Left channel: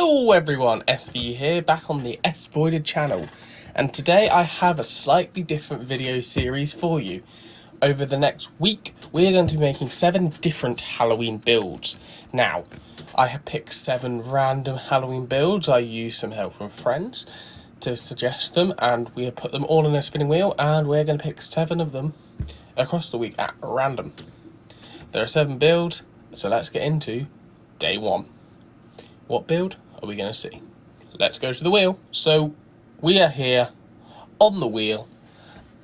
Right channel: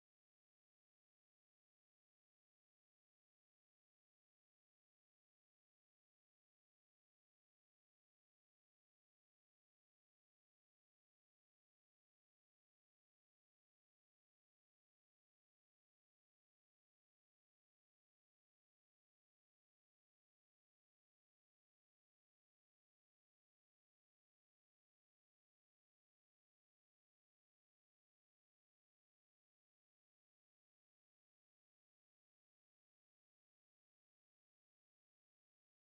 Hello everyone, SV here, back on the SVoided channel, and today I have a slightly different video series for you. Over the next week, we're going to be making 7 different Halloween builds. Now, I have picked 7 random Halloween builds. I used some help from friends to suggest them, and we have put them all in a spinning wheel, and we're going to pick 7 of them across the week at random. There are 7 builds, so let's get into day 1. What build are we going to see? Let's go to the wheel. So we are here on the wheel,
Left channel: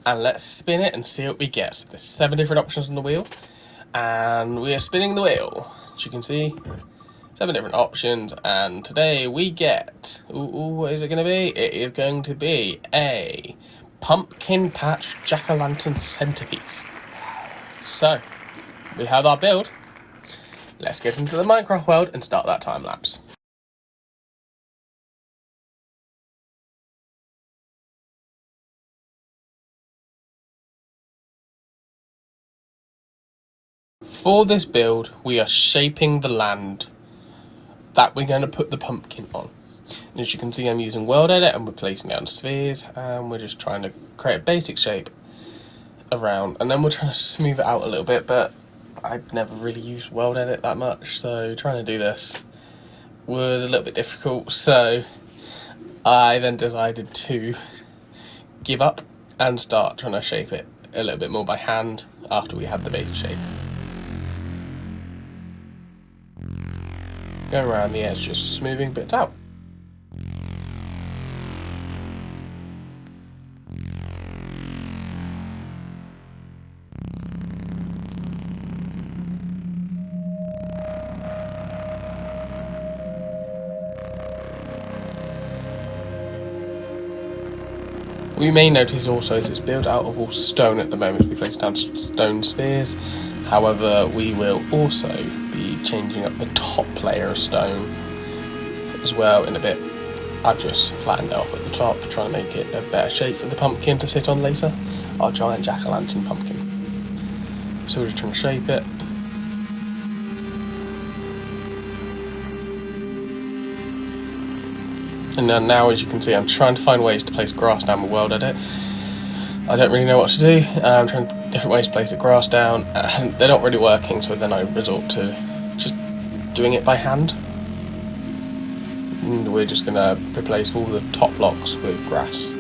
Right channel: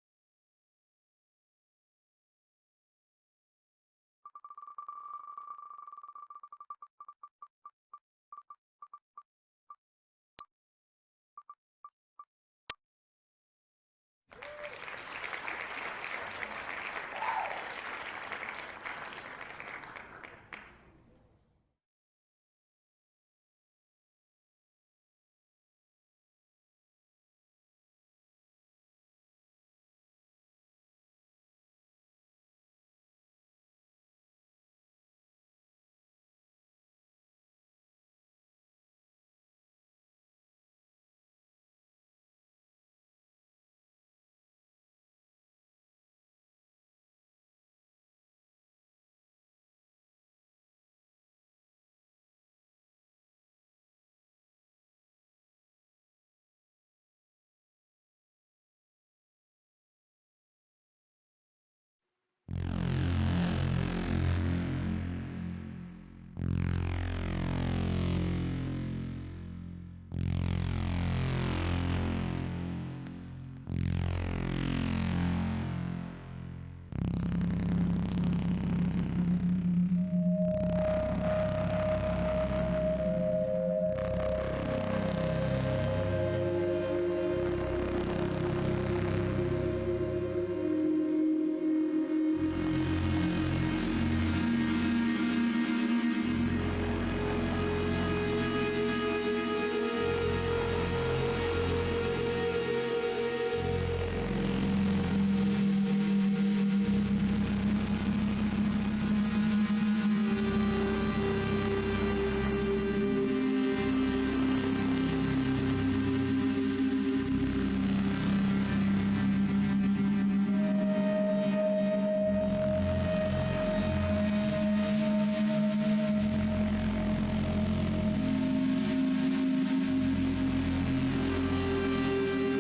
and let's spin it and see what we get. So there's 7 different options on the wheel, and we are spinning the wheel. As you can see, 7 different options, and today we get, what is it going to be? It is going to be a pumpkin patch jack-o'-lantern centerpiece. So we have our build. Let's get into the Minecraft world and start that time lapse. For this build, we are shaping the land that we're going to put the pumpkin on. And as you can see, I'm using World Edit and we're placing down spheres, and we're just trying to create a basic shape around, and then we're trying to smooth it out a little bit, but I've never really used World Edit that much, so trying to do this was a little bit difficult, so I then decided to give up and start trying to shape it a little bit more by hand after we had the basic shape. Going around the edge, just smoothing bits out. We may notice also this is built out of all stone at the moment. We place down stone spheres. However, we will also be changing up the top layer of stone as well in a bit. I've just flattened it off at the top to try and make it a better shape for the pumpkin to sit on later. Our giant jack-o'-lantern pumpkin. So we're just trying to shape it. And then now, as you can see, I'm trying to find ways to place grass down the World Edit. I don't really know what to do. I'm trying different ways to place the grass down, and they're not really working, so then I resort to just doing it by hand. And we're just going to replace all the top blocks with grass.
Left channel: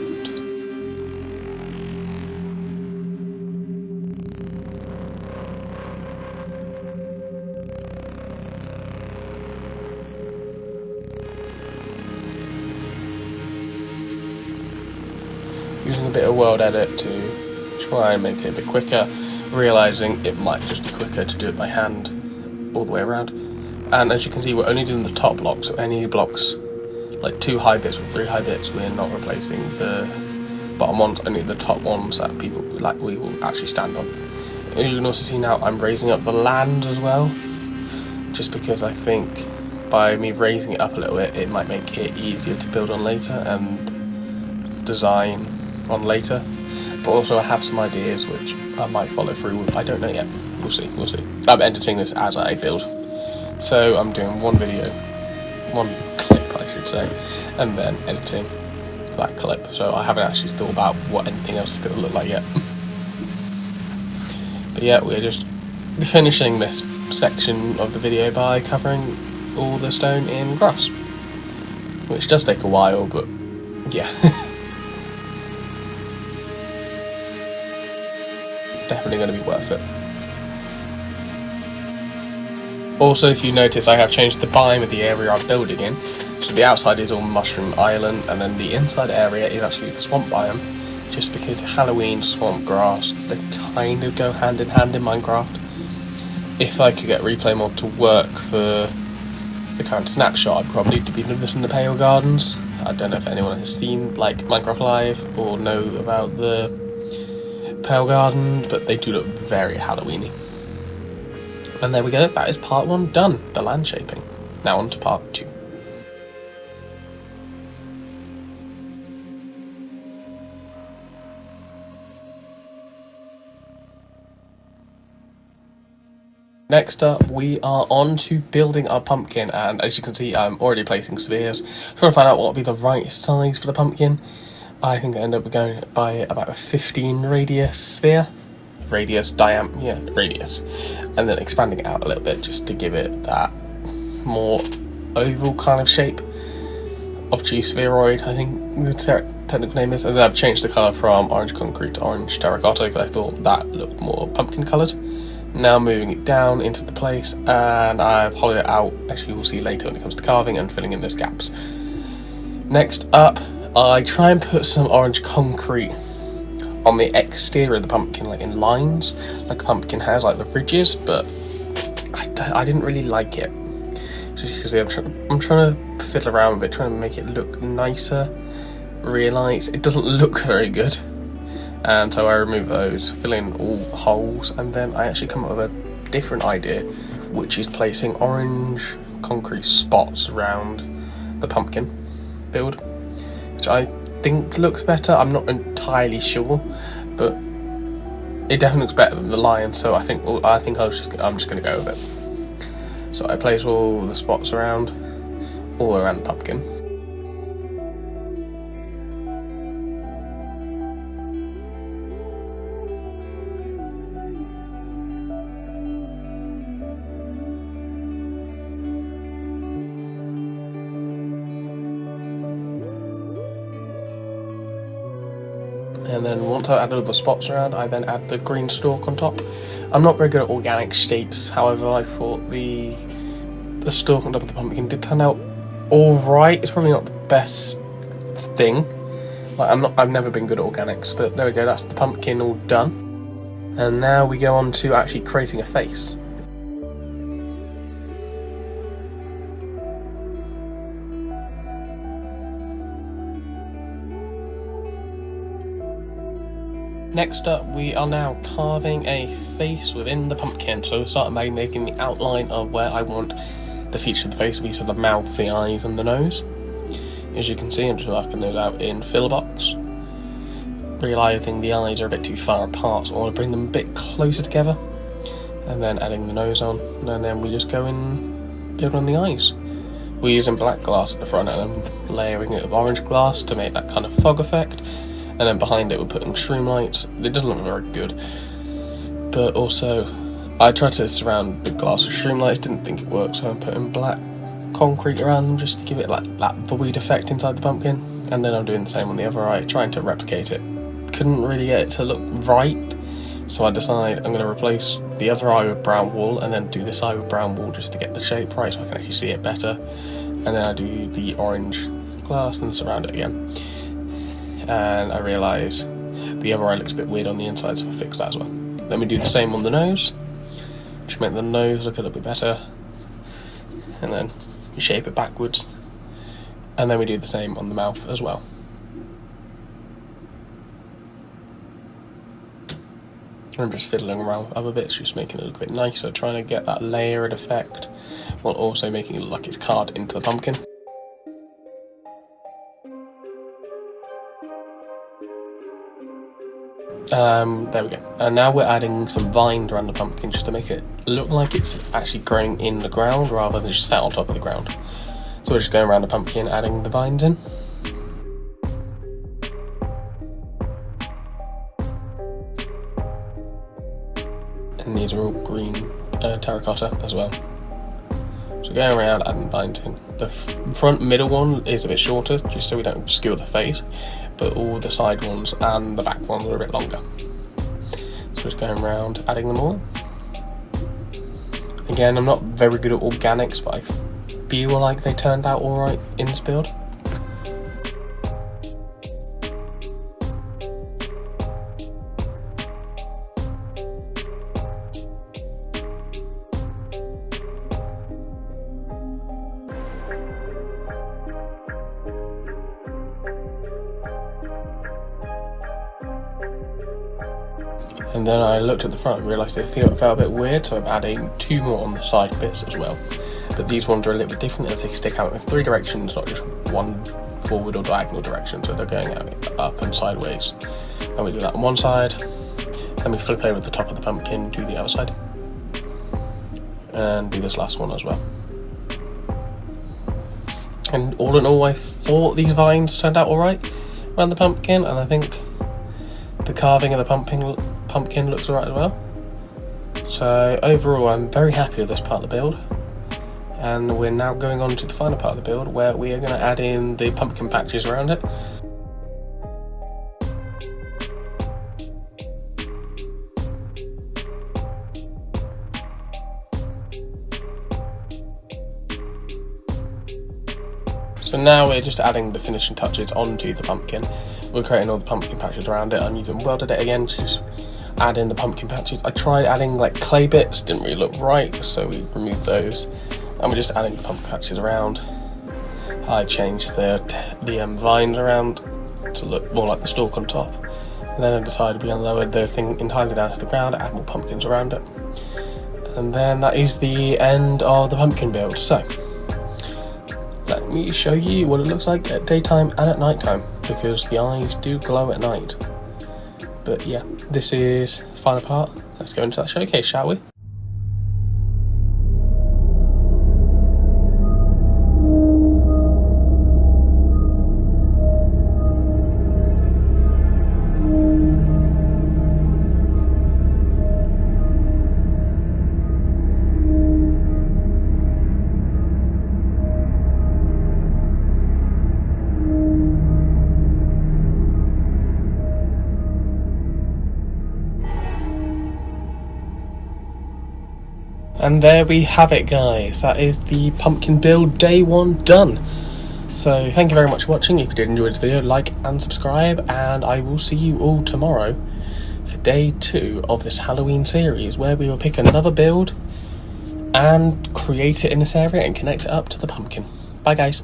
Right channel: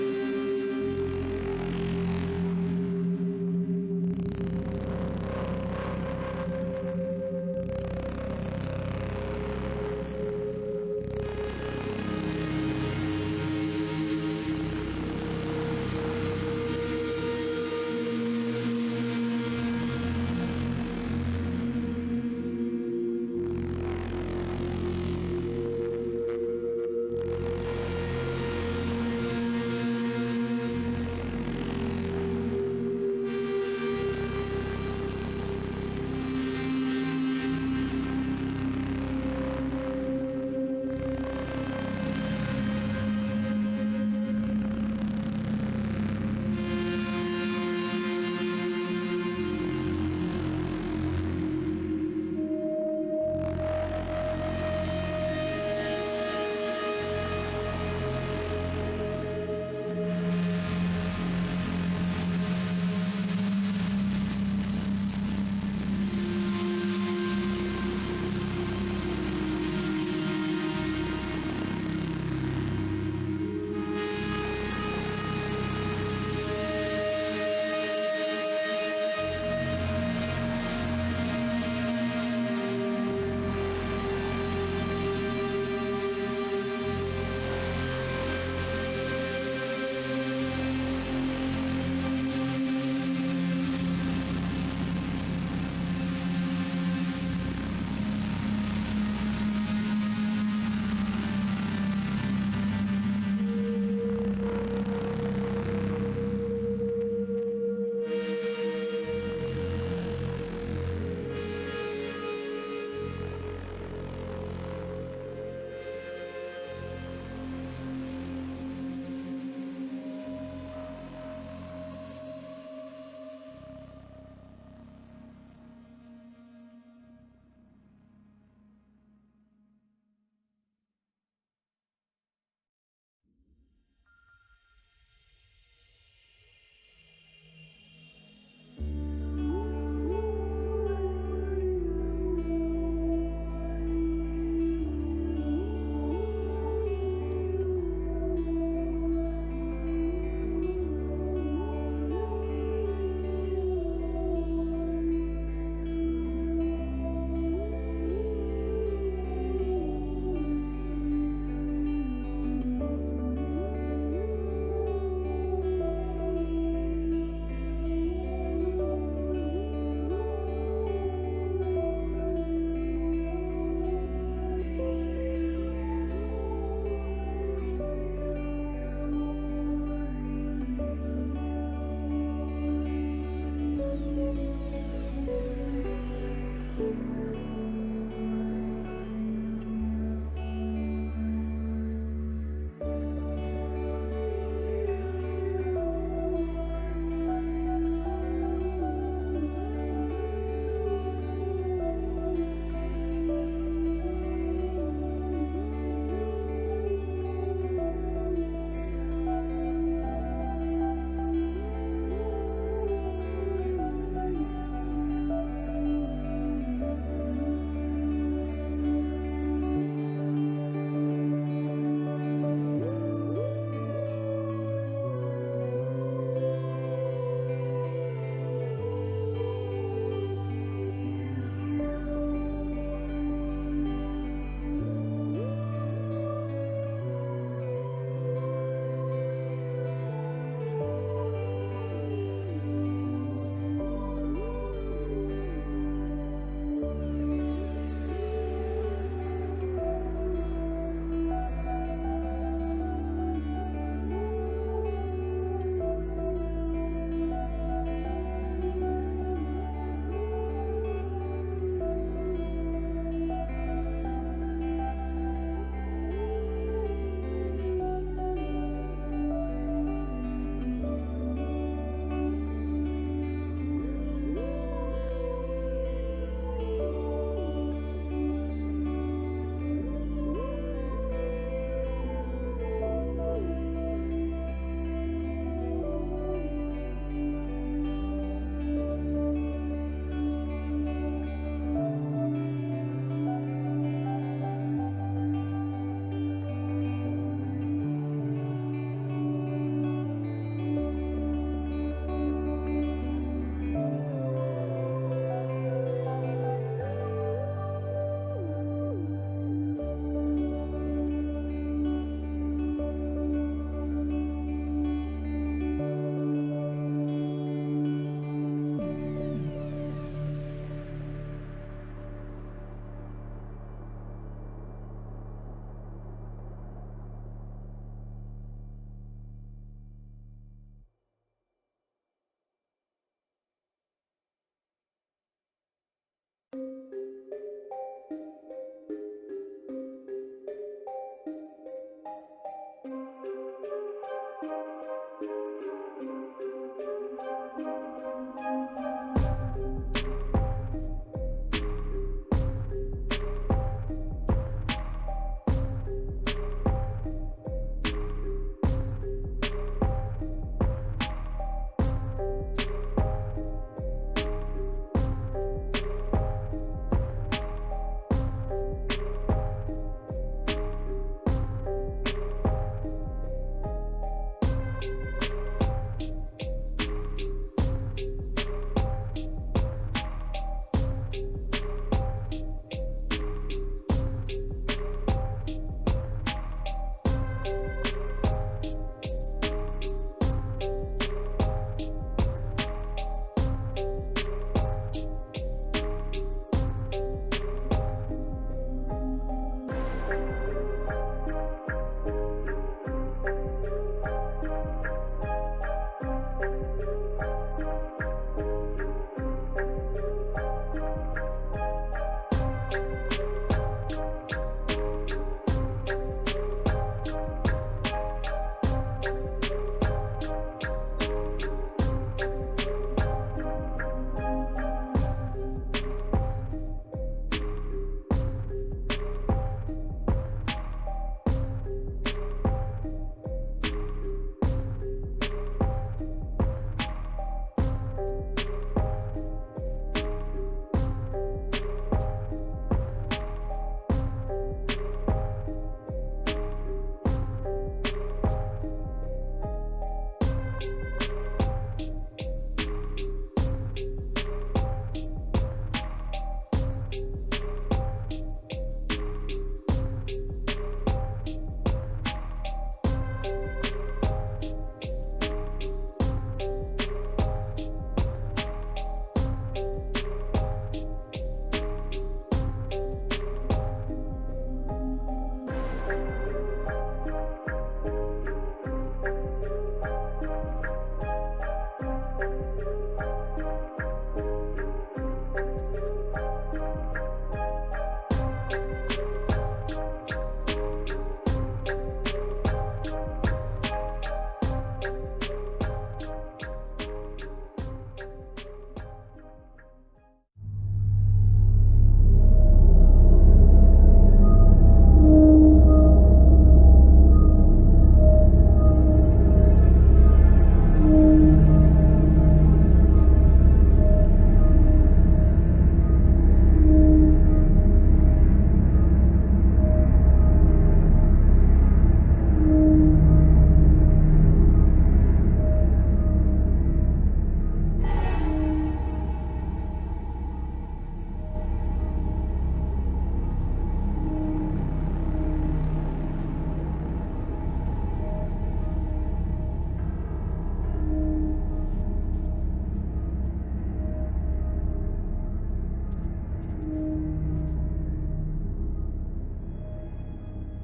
Using a bit of World Edit to try and make it a bit quicker, realising it might just be quicker to do it by hand all the way around. And as you can see, we're only doing the top blocks, so any blocks, like 2 high bits or 3 high bits, we're not replacing the bottom ones, only the top ones that we will actually stand on. And you can also see now I'm raising up the land as well, just because I think by me raising it up a little bit, it might make it easier to build on later and design on later. But also I have some ideas which I might follow through with. I don't know yet. We'll see. I'm editing this as I build. So I'm doing one video, one clip I should say, and then editing that clip. So I haven't actually thought about what anything else is going to look like yet. But yeah, we're just finishing this section of the video by covering all the stone in grass, which does take a while, but yeah. Definitely going to be worth it. Also, if you notice, I have changed the biome of the area I'm building in. So the outside is all Mushroom Island, and then the inside area is actually the swamp biome, just because Halloween, swamp, grass, they kind of go hand in hand in Minecraft. If I could get replay mod to work for the current snapshot, I'd probably be doing this in the Pale Gardens. I don't know if anyone has seen like Minecraft Live or know about the Pale Garden, but they do look very Halloweeny. And there we go, that is part 1 done, the land shaping. Now on to part 2. Next up, we are on to building our pumpkin, and as you can see, I'm already placing spheres, trying to find out what would be the right size for the pumpkin. I think I end up going by about a 15 radius sphere. Radius, radius. And then expanding it out a little bit just to give it that more oval kind of shape of G-spheroid, I think the technical name is. And then I've changed the colour from orange concrete to orange terracotta because I thought that looked more pumpkin coloured. Now moving it down into the place, and I've hollowed it out, as you will see later when it comes to carving and filling in those gaps. Next up, I try and put some orange concrete on the exterior of the pumpkin, like in lines, like a pumpkin has, like the ridges, but I didn't really like it. So you can see I'm trying to fiddle around with it, trying to make it look nicer, realise it doesn't look very good. And so I remove those, fill in all the holes, and then I actually come up with a different idea, which is placing orange concrete spots around the pumpkin build, which I think looks better. I'm not entirely sure, but it definitely looks better than the lion. So I think I'm just going to go with it. So I place all the spots all around the pumpkin. And then once I added all the spots around, I then add the green stalk on top. I'm not very good at organic shapes, however, I thought the stalk on top of the pumpkin did turn out alright. It's probably not the best thing. Like, I've never been good at organics, but there we go, that's the pumpkin all done. And now we go on to actually creating a face. Next up, we are now carving a face within the pumpkin. So we start by making the outline of where I want the feature of the face to be, so the mouth, the eyes, and the nose. As you can see, I'm just marking those out in fill box. Realising the eyes are a bit too far apart, so I want to bring them a bit closer together. And then adding the nose on, and then we just go and build on the eyes. We're using black glass at the front, and I'm layering it with orange glass to make that kind of fog effect. And then behind it we're putting shroom lights. It doesn't look very good, but also I tried to surround the glass with shroom lights, didn't think it worked, so I'm putting black concrete around them just to give it like that void effect inside the pumpkin. And then I'm doing the same on the other eye, trying to replicate it. Couldn't really get it to look right, so I decide I'm going to replace the other eye with brown wool and then do this eye with brown wool just to get the shape right so I can actually see it better. And then I do the orange glass and surround it again. And I realise the other eye looks a bit weird on the inside, so I'll fix that as well. Then we do the same on the nose, to make the nose look a little bit better, and then we shape it backwards, and then we do the same on the mouth as well. I'm just fiddling around with other bits, just making it look a bit nicer, trying to get that layered effect, while also making it look like it's carved into the pumpkin. There we go. And now we're adding some vines around the pumpkin just to make it look like it's actually growing in the ground rather than just sat on top of the ground. So we're just going around the pumpkin adding the vines in. And these are all green terracotta as well. So going around adding vines in. The front middle one is a bit shorter just so we don't skew the face, but all the side ones and the back ones are a bit longer. So just going around adding them all. Again, I'm not very good at organics, but I feel like they turned out alright in this build. And then I looked at the front and realised it felt a bit weird, so I'm adding 2 more on the side bits as well. But these ones are a little bit different as they stick out in 3 directions, not just one forward or diagonal direction, so they're going up and sideways. And we do that on one side, then we flip over the top of the pumpkin to the other side. and do this last one as well. And all in all, I thought these vines turned out alright around the pumpkin, and I think the carving of the pumpkin looks alright as well. So overall, I'm very happy with this part of the build. And we're now going on to the final part of the build, where we are going to add in the pumpkin patches around it. So now we're just adding the finishing touches onto the pumpkin. We're creating all the pumpkin patches around it. I'm using welded it again to just add in the pumpkin patches. I tried adding like clay bits, didn't really look right, so we removed those. And we're just adding the pumpkin patches around. I changed the vines around to look more like the stalk on top. And then I decided we're going to lower the thing entirely down to the ground, add more pumpkins around it. And then that is the end of the pumpkin build. So let me show you what it looks like at daytime and at nighttime, because the eyes do glow at night. But yeah, this is the final part. Let's go into that showcase, shall we? And there we have it, guys. That is the pumpkin build day 1 done. So thank you very much for watching. If you did enjoy this video, like and subscribe, and I will see you all tomorrow for day 2 of this Halloween series, where we will pick another build and create it in this area and connect it up to the pumpkin. Bye guys.